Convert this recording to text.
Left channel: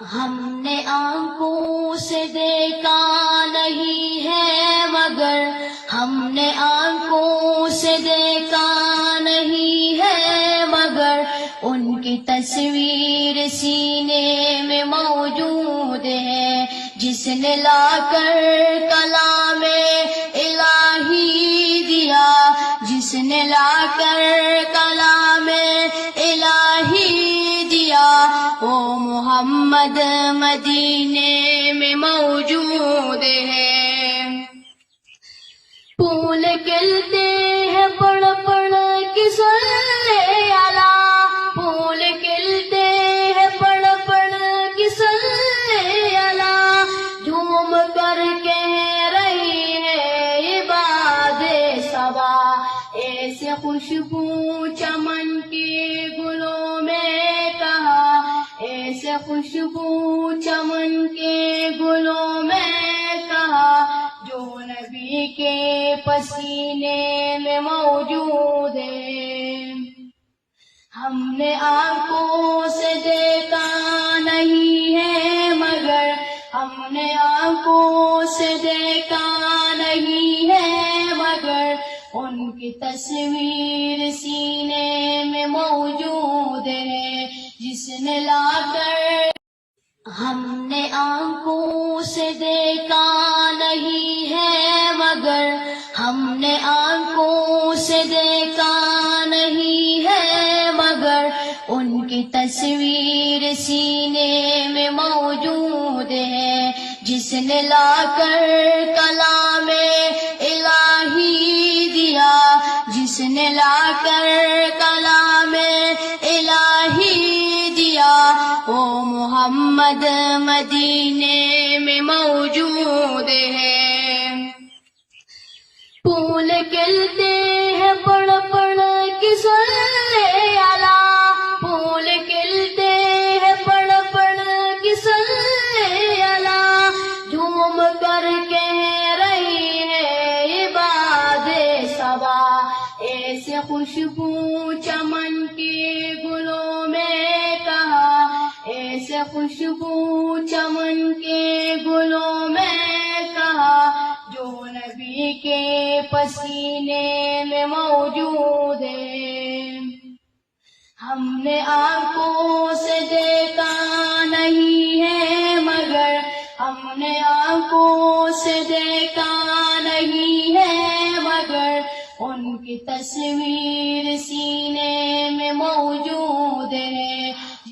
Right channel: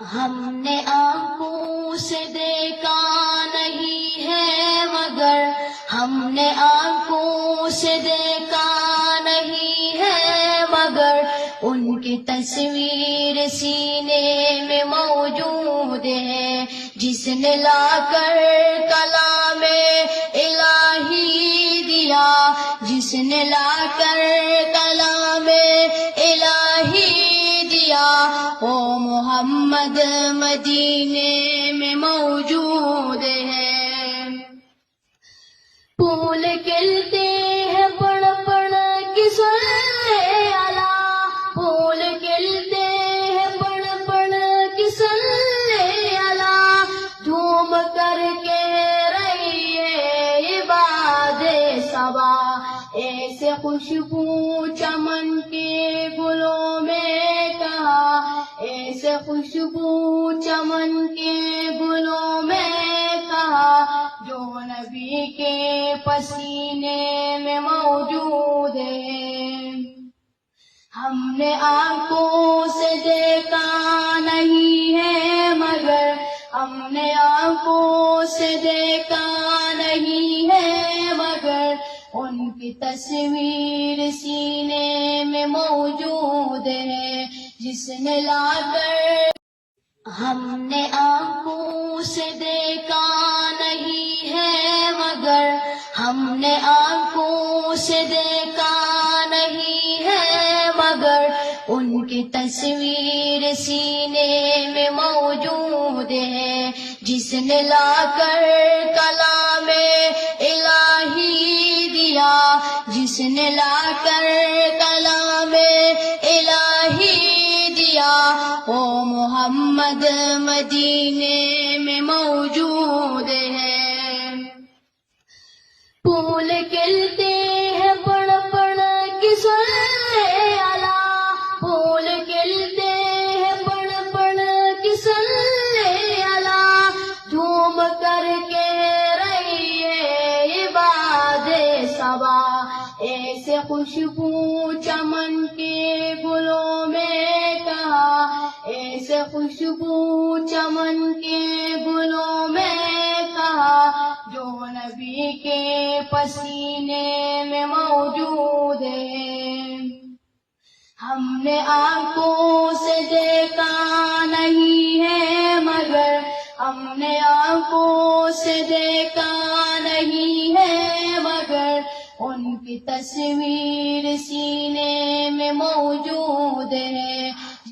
ہم نے آنکھوں سے دیکھا نہیں ہے مگر ہم نے آنکھوں سے دیکھا نہیں ہے مگر ان کی تصویر سینے میں موجود ہے، جس نے لا کر کلام الہی دیا، جس نے لا کر کلام الہی دیا، وہ محمد مدینے میں موجود ہے۔ پھول کھلتے ہیں پڑھ پڑھ کے صلی اللہ، پھول کھلتے ہیں پڑھ پڑھ کے صلی اللہ، جھوم کر کہہ رہی ہے باد صبا، ایسے خوشبو چمن کے گلوں میں کہا، ایسے خوشبو چمن کے گلوں میں کہا، جو نبی کے پسینے میں موجود ہے۔ ہم نے آنکھوں سے دیکھا نہیں ہے مگر ہم نے آنکھوں سے دیکھا نہیں ہے مگر ان کی تصویر سینے میں موجود ہے، جس نے لا کر ہم نے آنکھوں سے دیکھا نہیں ہے مگر ہم نے آنکھوں سے دیکھا نہیں ہے مگر ان کی تصویر سینے میں موجود ہے، جس نے لا کر کلام الہی دیا، جس نے لا کر کلام الہی دیا، وہ محمد مدینے میں موجود ہے۔ پھول کھلتے ہیں پڑھ پڑھ کے صلی اللہ، پھول کھلتے ہیں پڑھ پڑھ کے صلی اللہ، جھوم کر کہہ رہی ہے باد صبا، ایسے خوشبو چمن کے گلوں میں کہا، ایسے خوشبو چمن کے گلوں میں کہا، جو نبی کے پسینے میں موجود ہے۔ ہم نے آنکھوں سے دیکھا نہیں ہے مگر ہم نے آنکھوں سے دیکھا نہیں ہے مگر ان کی تصویر سینے میں موجود